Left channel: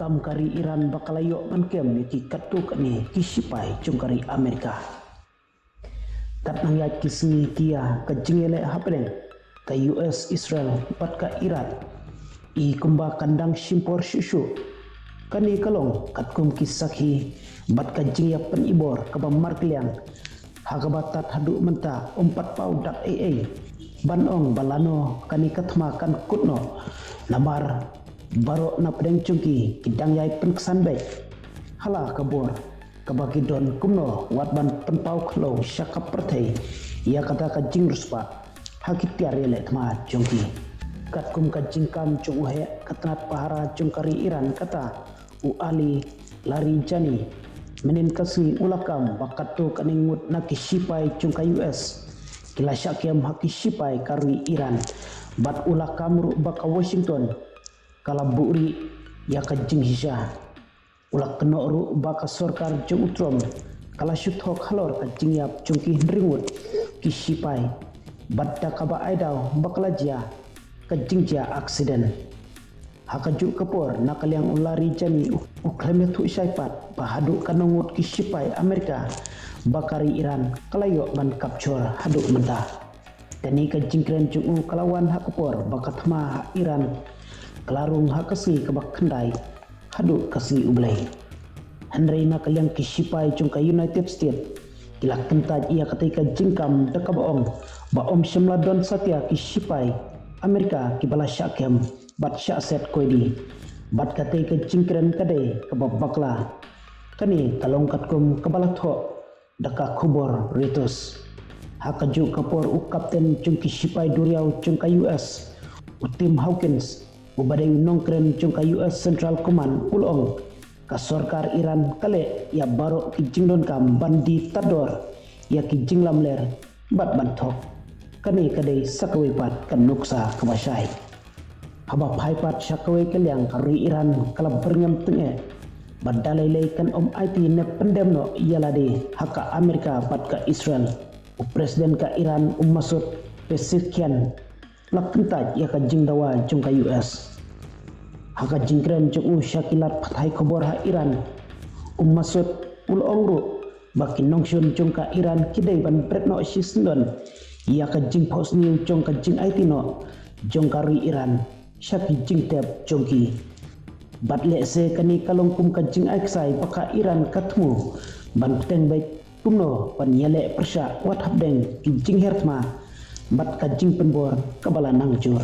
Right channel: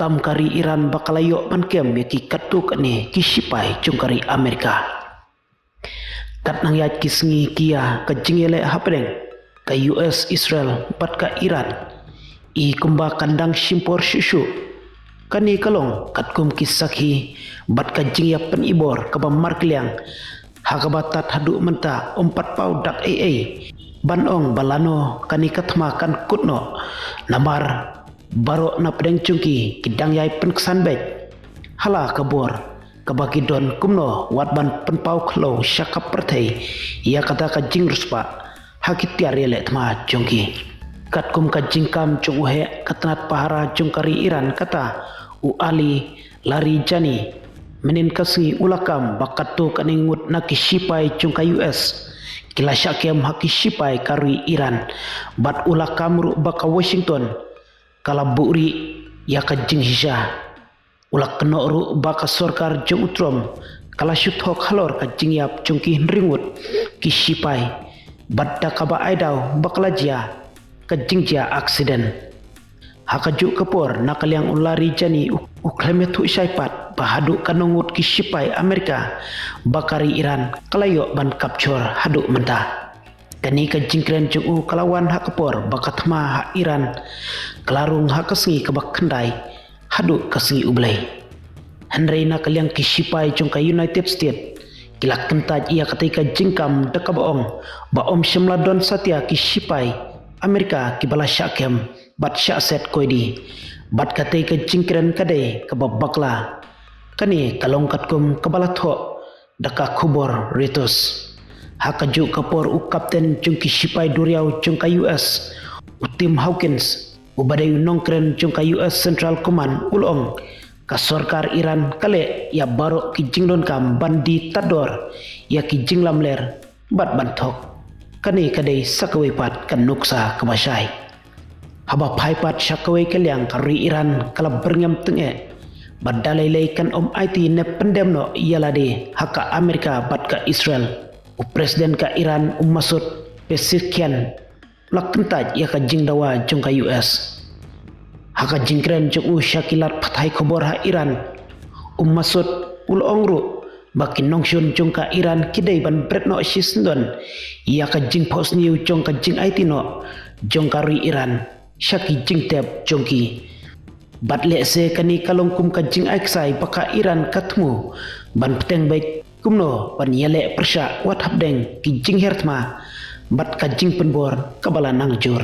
kam kari Iran bakalayo man kem yaki katuk ni kisipai cung kari Amerika. Kat nang yat kisngi kia ka jingele hapdeng ka US Israel bat ka Iran i kumba kandang simpor susu kani kalong kat kum kisakhi bat ka jingya penibor ka markliang hakabatat hadu menta 4 pau dak banong balano kani katma kan kutno namar baro na pedeng cungki kidang yai penksan bek hala kabor kabaki don kumno watban penpau klo syakap pertai ia kata ka jing ruspa hakitiar yele tma cungki kat kum ka jingkam cung uhe katnat pahara cungkari Iran kata u ali lari jani menin kasngi ulakam bakatu kaningut nakisipai cungka US kila syakem hakisipai karui Iran bat ulakam ru baka Washington kala buri ya ka jing hisha ulak keno ru baka sorkar jung utrom kala syuthok halor ka jing yap cungki ringut kisipai bat dakaba aidau baklajia ka jingjia aksiden hakaju kapor nakaliang ulari jani uklemetu syaipat bahadu kanungut kisipai Amerika bakari Iran kalayo ban kapcur hadu mentah kani ka jingkren juu kalawan hakapor bakatma ha Iran kelarung hakasngi kabak kendai hadu kasngi ublay Henry nakaliang kisipai jungka United States kilak kentaj ia ketika jingkam dekabaong baom syamladon satya kisipai Amerika kibala syakem bat syakset koidi bat katai ke jingkren kadai kababakla kani kalongkat kum kebala tho daka kubor ritus hakaju kapor u kapten jungki sipai duriau jungka US utim Hawkins ubadai nongkren jungka US Central Command ulong ka sorkar Iran kale ya barok ki jinglon kam bandi tador ya ki jinglam ler bat bantok kani kadai sakawe pat kan nuksa kemasai haba phaipat sakawe kaliang kari Iran kala berngam tenge badalai kan IT ne pendemno ialade haka Amerika bat ka Israel u presiden ka Iran Masud Pezeshkian lakentaj ya ka jingdawa jungka US haka jingkren jung syakilat pathai khobor ha Iran Masud ul ongru baki nongshun jungka Iran kidai ban bretno sisndon ia ka jing post new jungka jing IT no jongkari Iran syaki jing tep jongki batle se kani kalongkum ka jing aiksai baka Iran katmu ban peteng baik kumno ban yele persya wat habdeng ki jing hertma bat ka jing penbor kabala nangjur